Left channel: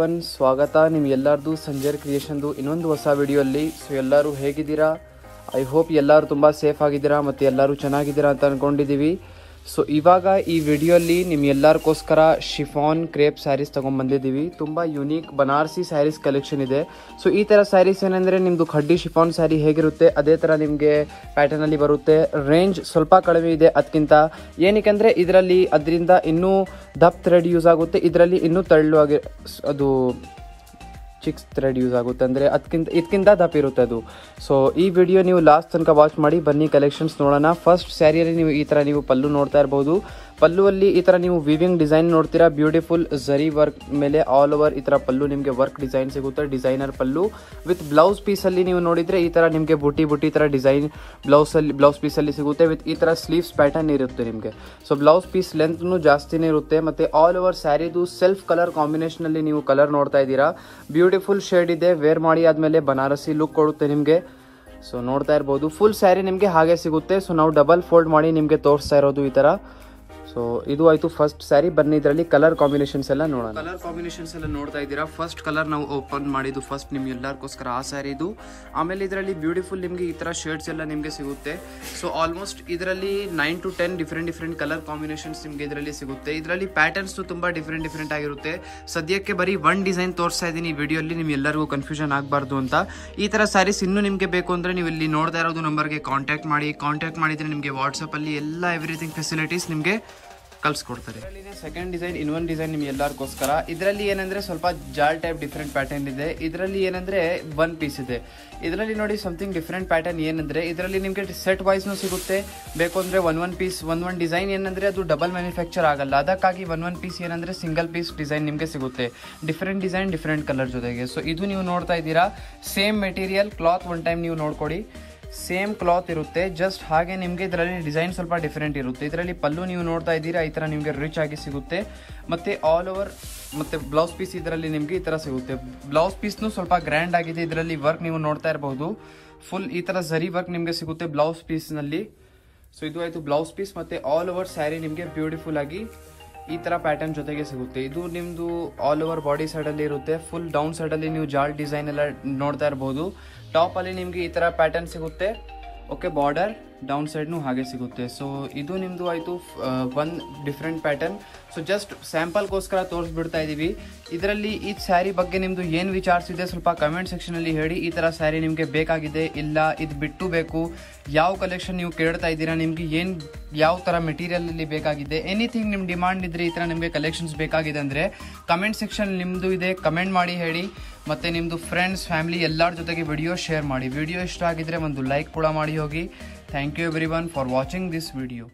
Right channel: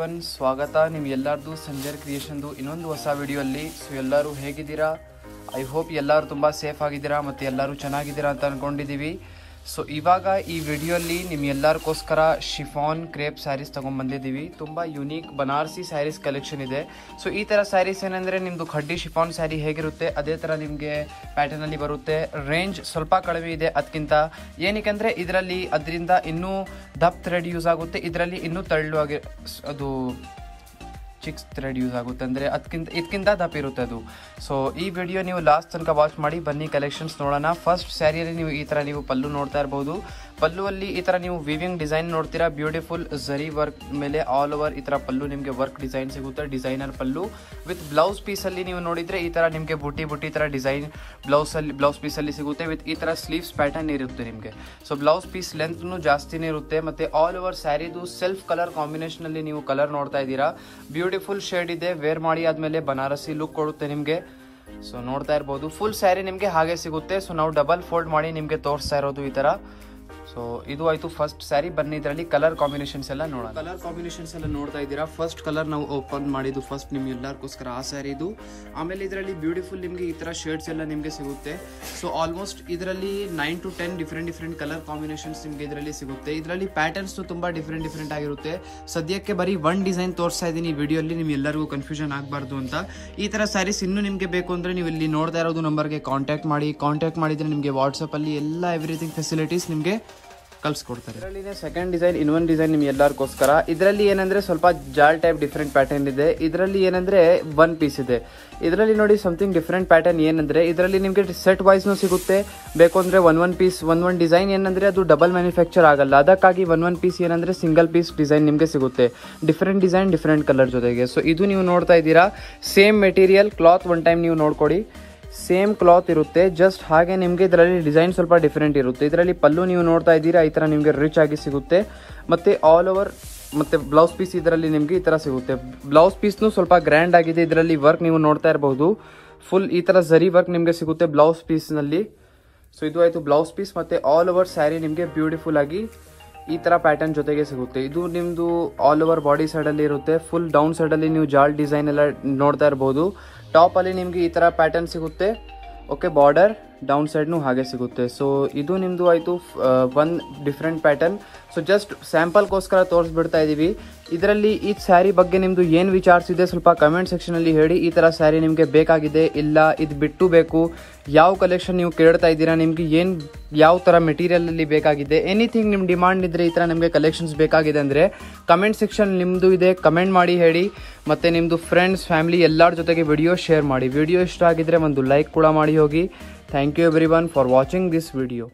Everyone, ಸ್ವಾಗತ ನಿಮ್ಗೆಲ್ಲರದು ಸಂಜಯ್ ಕ್ರಿಯೇಷನ್ದು ಇನ್ನೊಂದು ಹೊಸ ವಿಡಿಯೋಲ್ಲಿ. ಸೊ ಎಲ್ಲರೂ ಹೇಗಿದ್ದೀರಾ? ಐ ಹೋಪ್ ಎಲ್ಲರೂ ತುಂಬ ಸೇಫ್ ಆಗಿದ್ದೀರಾ ಮತ್ತು ಎಲ್ಲರೂ ಚೆನ್ನಾಗಿದ್ದೀರಾ ಅಂತ ಅಂದ್ಕೊಂಡಿದ್ದೀವಿ. ಸೊ ಇವಾಗ ಈ ವಿಡಿಯೋಲ್ಲಿ ನಿಮ್ಗೆಲ್ಲರಿಗೋಸ್ಕರ ಶಿಫಾನ್ ಕ್ರೇಪ್ ಸ್ಯಾರೀಸ್ ತೊಗೊಂಡ್ಬಂದಿದ್ದೀವಿ. ತುಂಬ ಯುನೀಕ್ ಬನಾರಸಿ ಸ್ಯಾರೀಸ್ ಕಲೆಕ್ಷನ್ ಇದೆ. ಸೊ ಈ ಥರ ಸ್ಯಾರೀಸ್ ಏನಂದರೆ ನಿಮ್ಮದು ಖಡ್ಡಿ ಶಿಫಾನ್ ಸ್ಯಾರಿ ಹೇಗಿರುತ್ತೆ ಅದೇ ಥರ ನಿಮಗೆ ಪ್ಯಾಟರ್ನಲ್ಲಿ ಬರುತ್ತೆ. ರೇಂಜ್ ಸ್ವಲ್ಪ ಕಡಿಮೆ ಇದೆ ಅದಕ್ಕಿಂತ. ಏನಕ್ಕೆ ಇದರಲ್ಲಿ ಅದರಿಂದ ಇನ್ನೂ ದಪ್ ಥ್ರೆಡ್ ಯೂಸ್ ಆಗುತ್ತೆ, ಇದರಲ್ಲಿ ಇನ್ನೂ ತೆಳ್ಳು ಅದು ಚಿಕ್ಸ್ ಥ್ರೆಡ್ ಯೂಸ್ ಆಗುತ್ತೆ, ಅಂದರೆ ಇದಕ್ಕಿಂತ ದಪ್ಪ ಇರುತ್ತೆ ಅದು. ಸೊ ಈ ವಿಡಿಯೋ ನೀವು ಲಾಸ್ಟ್ ತನಕ ವಾಚ್ ಮಾಡಿ ಬನ್ನಿ, ಕಲೆಕ್ಷನ್ಸ್ ನೋಡೋಣ. ಫಸ್ಟ್ ಸ್ಯಾರಿಯಲ್ಲಿ ನೀವು ಈ ಥರ ನೀವು ಪಲ್ಲು ನೋಡ್ತಾ ಇರ್ಬೋದು. ಪಲ್ಲುವಲ್ಲಿ ಈ ಥರ ನೀವು ವಿವಿಂಗ್ ಡಿಸೈನ್ ನೋಡ್ತೀರಾ. ಬ್ಯೂಟಿಫುಲ್ ಝರಿ ವರ್ಕ್ ಮೇಲೆ ಆಲ್ ಓವರ್ ಈ ಥರ ಪಲ್ಲು ನಿಮಗೆ ವರ್ಕ್ ಡಿಸೈನ್ ಸಿಗುತ್ತೆ. ಡಿಸೈನರ್ ಪಲ್ಲು ವಿತ್ ಬ್ಲೌಸ್ ಪೀಸಲ್ಲಿ ನೀವು ನೋಡಿದ್ರೆ ಈ ಥರ ನಿಮಗೆ ಬುಟ್ಟಿ ಥರ ಡಿಸೈನ್ ಬ್ಲೌಸ್ ಪೀಸಲ್ಲಿ ಸಿಗುತ್ತೆ. ವಿತ್ ಈ ಥರ ಸ್ಲೀವ್ಸ್ ಪ್ಯಾಟರ್ನ್ ಇರುತ್ತೆ ನಿಮಗೆ. ಸೊ ಬ್ಲೌಸ್ ಪೀಸ್ ಲೆಂತ್ನು ಜಾಸ್ತಿನೇ ಇರುತ್ತೆ. ಮತ್ತೆ ಆಲ್ ಓವರ್ ಸ್ಯಾರಿದು ಸೆಲ್ಫ್ ಕಲರ್ ಕಾಂಬಿನೇಷನ್ ಅಲ್ಲಿ ನೀವು ಕಲರ್ ನೋಡ್ತಾ ಇದ್ದೀರಾ. ಬ್ಯೂಟಿಫುಲ್ ಶೇಡ್ ಇದೆ. ವೇರ್ ಮಾಡಿ ಆದ್ಮೇಲೆ ಬನಾರಸಿ ಲುಕ್ ಕೊಡುತ್ತೆ ನಿಮಗೆ. ಸೊ ನೋಡ್ತಾ ಇರ್ಬೋದು, ಫುಲ್ ಸ್ಯಾರಿ ನಿಮಗೆ ಹಾಗೆ ಸಿಗುತ್ತೆ. ಸೊ ನಾವು ಡಬಲ್ ಫೋಲ್ಡ್ ಮಾಡಿ ನಿಮಗೆ ತೋರಿಸ್ತಾ ಇರೋದು ಈ ತರ. ಸೊ ಇದು ಆಯ್ತು ಫಸ್ಟ್ ಸ್ಯಾರಿ. ಬನ್ನಿ ಇದರಲ್ಲಿ ಕಲರ್ ಕಾಂಬಿನೇಷನ್ಸ್ ಎಲ್ಲ ನೋಡೋಣ. ಕಲರ್ ಕಾಂಬಿನೇಷನ್ಸ್ ಎಲ್ಲ ನೋಡ್ತಾ ಇದ್ದೀರಾ. ಫಸ್ಟ್ ಕಲರ್ ನಾವು ಓಪನ್ ಮಾಡಿದ್ದು ಫಸ್ಟ್ ನಿಮ್ಗೆ ಎಲ್ಲರಿಗೋಸ್ಕರ ಆ ಸ್ಯಾರಿ ಇದು. ಆಮೇಲೆ ಇದರಲ್ಲಿ ಬ್ಯೂಟಿಫುಲ್ ನಿಮಗೆ ಈ ತರ ಶೇಡ್ಸ್ ಎಲ್ಲ ನಿಮಗೆ ಸಿಗುತ್ತೆ. ಸೊ ಆಲ್ಮೋಸ್ಟ್ ಇದರಲ್ಲಿ 9 to 10 ಡಿಫ್ರೆಂಟ್ ಕಲರ್ ಕಾಂಬಿನೇಷನ್ಸ್ ನಿಮಗೆ ಇದರಲ್ಲಿ ಸಿಗುತ್ತೆ. ಇದರಲ್ಲಿ ಪ್ಯಾಟರ್ನ್ಸ್ ತುಂಬಾ ಡಿಫ್ರೆಂಟ್ ಆಗಿರುತ್ತೆ. ಸದ್ಯಕ್ಕೆ ಬರೀ ಒನ್ ಡಿಸೈನ್ ತೋರಿಸ್ತಾ ಇದ್ದೀನಿ ವಿಡಿಯೋಲಿ, ನಿಮ್ಗೆ ಎಲ್ಲರಿಗೂ ಕನ್ಫ್ಯೂಷನ್ ಆಗಬಾರ್ದು ಅಂತ. ಈ ತರ ಸ್ಯಾರೀಸ್ ಇನ್ನೂ ನಿಮಗೆ ಬೇಕು ಅಂದ್ರೆ ನೀವು ಇಲ್ಲಿ ನೋಡ್ತಾ ಇರೋದು ನಂಬರ್ಗೆ ಕಾಂಟ್ಯಾಕ್ಟ್ ಮಾಡಿದ್ರೆ ನಿಮಗೆ ವಾಟ್ಸಪ್ ಅಲ್ಲಿ ಎಲ್ಲ ಎವ್ರಿಥಿಂಗ್ ಫೆಸಿಲಿಟೀಸ್ ನಿಮಗೆ ಕಳ್ಸಿಕೊಡ್ತಾರೆ. ಇದರಲ್ಲಿ ಸೆಕೆಂಡ್ ಡಿಸೈನ್, ಇನ್ನೊಂದು ಡಿಸೈನ್ ನಿಮ್ಗೆ ಎಲ್ಲರಿಗೋಸ್ಕರ. ಇದರಲ್ಲಿ ಏನಂದ್ರೆ ಸ್ವಲ್ಪ ಜಾಲ್ ಟೈಪ್ ಡಿಫ್ರೆಂಟ್ ಪ್ಯಾಟರ್ನ್ ಇದೆ. ಇದರಲ್ಲಿ ಏನಂದ್ರೆ ಒನ್ ಪೀಸ್ ಇದೆ. ಇದರಲ್ಲಿ ನೋಡಿ ಸಮಥಿಂಗ್ ಡಿಫ್ರೆಂಟ್ ಪ್ಯಾಟರ್ನ್ ಏನಂದ್ರೆ ಇದರಲ್ಲಿ ನಿಮಗೆ ಸೆಟ್ ವೈಸ್ ಸಿಗುತ್ತೆ. ಬೇಕು ಅಂದ್ರೆ ಒನ್ ಪೀಸ್ ಒನ್ ಡಿಸೈನ್ ಏನಂದ್ರೆ ಅದು ಡಬಲ್ ಮ್ಯಾನುಫ್ಯಾಕ್ಚರ್ ಆಗಲ್ಲ. ಅದಕ್ಕಾಗಿ ಒನ್ ಪೀಸ್ ಏನಂದ್ರೆ ಸಿಂಗಲ್ ಪೀಸ್ ಡಿಸೈನ್ ನಿಮಗೆ ಸಿಗುತ್ತೆ. ಡಿಫ್ರೆಂಟ್ ಡಿಸೈನ್ ಡಿಫ್ರೆಂಟ್ ಕಲರ್ ಜೊತೆಗೆ. ಸೊ ಇದು ನೀವು ನೋಡ್ತಾ ಇದ್ದೀರಾ. Same material cloth one time ನೀವು ನೋಡ್ಕೊಡಿ. ಸೇಮ್ ಕ್ಲಾತ್ ಇರುತ್ತೆ, ಜಸ್ಟ್ ಹಾಗೆ ನಿಮಗೆ ಇದರಲ್ಲಿ ಡಿಸೈನ್ ಸ್ವಲ್ಪ ಡಿಫ್ರೆಂಟ್ ಇರುತ್ತೆ. ಇದರಲ್ಲಿ ಪಲ್ಲು ನೀವು ನೋಡ್ತಾ ಇದ್ದೀರಾ ಈ ತರ ನಿಮಗೆ ರಿಚ್ ಆಗಿ ಸಿಗುತ್ತೆ. ಮತ್ತೆ ಆಲ್ ಓವರ್ ಮತ್ತೆ ಬ್ಲೌಸ್ ಪೀಸ್ ಇದರಲ್ಲಿ ನಿಮಗೆ ಈ ತರ ಸಿಗುತ್ತೆ. ಬ್ಲೌಸ್ ಪೀಸ್ನು ಸ್ವಲ್ಪ ಗ್ರ್ಯಾಂಡ್ ಆಗಿದೆ. ಇದರಲ್ಲಿ ವರ್ಕ್ ನೀವು ನೋಡ್ತಾ ಇರಬಹುದು. ಫುಲ್ ಈ ತರ ಝರಿ ವರ್ಕ್ ನಿಮಗೆ ಸಿಗುತ್ತೆ ಬ್ಲೌಸ್ ಪೀಸ್ ನಲ್ಲಿ. ಸೊ ಇದು ಆಯ್ತು ಬ್ಲೌಸ್ ಪೀಸ್. ಮತ್ತೆ ಆಲ್ ಓವರ್ ಸ್ಯಾರಿ ನಿಮಗೆ ಬ್ಯೂಟಿಫುಲ್ ಆಗಿ ಈ ತರ ಪ್ಯಾಟರ್ನ್ ಜೊತೆಗೆ ಸಿಗುತ್ತೆ. ಇದು ನಿಮ್ದು ಆಲ್ ಓವರ್ ಬಾಡಿ ಸೈಡ್ ಅಲ್ಲಿ ಇರುತ್ತೆ. ಫುಲ್ ಡೌನ್ ಸೈಡ್ ಅಲ್ಲಿ ನೀವು ಜಾಲ್ ಡಿಸೈನ್ ಎಲ್ಲ ನೋಡ್ತಾ ಇರಬಹುದು. ಟಾಪ್ ಅಲ್ಲಿ ನಿಮ್ಗೆ ಈ ತರ ಪ್ಯಾಟರ್ನ್ ಸಿಗುತ್ತೆ. ಓಕೆ, ಬಾರ್ಡರ್ ಡೌನ್ ಸೈಡ್ನು ಹಾಗೆ ಸಿಗುತ್ತೆ. ಸೊ ಇದು ನಿಮ್ದು ಆಯ್ತು one different pattern. So just ಸ್ಯಾಂಪಲ್ಗೋಸ್ಕರ ತೋರಿಸ್ಬಿಡ್ತಾ ಇದೀವಿ. ಇದರಲ್ಲಿ ಈ ಸ್ಯಾರಿ ಬಗ್ಗೆ ನಿಮ್ದು ಏನ್ ವಿಚಾರಿಸಿದೆ ಸ್ವಲ್ಪ ಕಮೆಂಟ್ ಸೆಕ್ಷನ್ ಅಲ್ಲಿ ಹೇಳಿ. ಈ ತರ ಸ್ಯಾರಿ ನಿಮ್ಗೆ ಬೇಕಾಗಿದೆ, ಇಲ್ಲ ಇದು ಬಿಟ್ಟು ಬೇಕು, ಯಾವ ಕಲೆಕ್ಷನ್ ನೀವು ಕೇಳ್ತಾ ಇದ್ದೀರಾ, ನಿಮ್ಗೆ ಯಾವ ತರ ಮೆಟೀರಿಯಲ್ ಅಲ್ಲಿ ಬೇಕಾಗಿದೆ, ಎನಿಥಿಂಗ್ ನಿಮ್ ಡಿಮಾಂಡ್ ಇದ್ರೆ ಈ ತರ ನಿಮ್ಗೆ ಕಲೆಕ್ಷನ್ಸ್ ಬೇಕಾಗಿದೆ ಅಂದ್ರೆ ಕಮೆಂಟ್ ಸೆಕ್ಷನ್ ನಿಮ್ದು ಇದೆ, ಕಮೆಂಟ್ ಮಾಡಿ ಹೇಳಿ. ಮತ್ತೆ ನಿಮ್ದು ಫ್ರೆಂಡ್ಸ್ ಫ್ಯಾಮಿಲಿ ಎಲ್ಲರ ಜೊತೆಗೆ ವಿಡಿಯೋ ಶೇರ್ ಮಾಡಿ. ವಿಡಿಯೋ ಇಷ್ಟ ಆಗಿದ್ರೆ ಒಂದು ಲೈಕ್ ಕೂಡ ಮಾಡಿ ಹೋಗಿ. Thank you everyone for watching this video.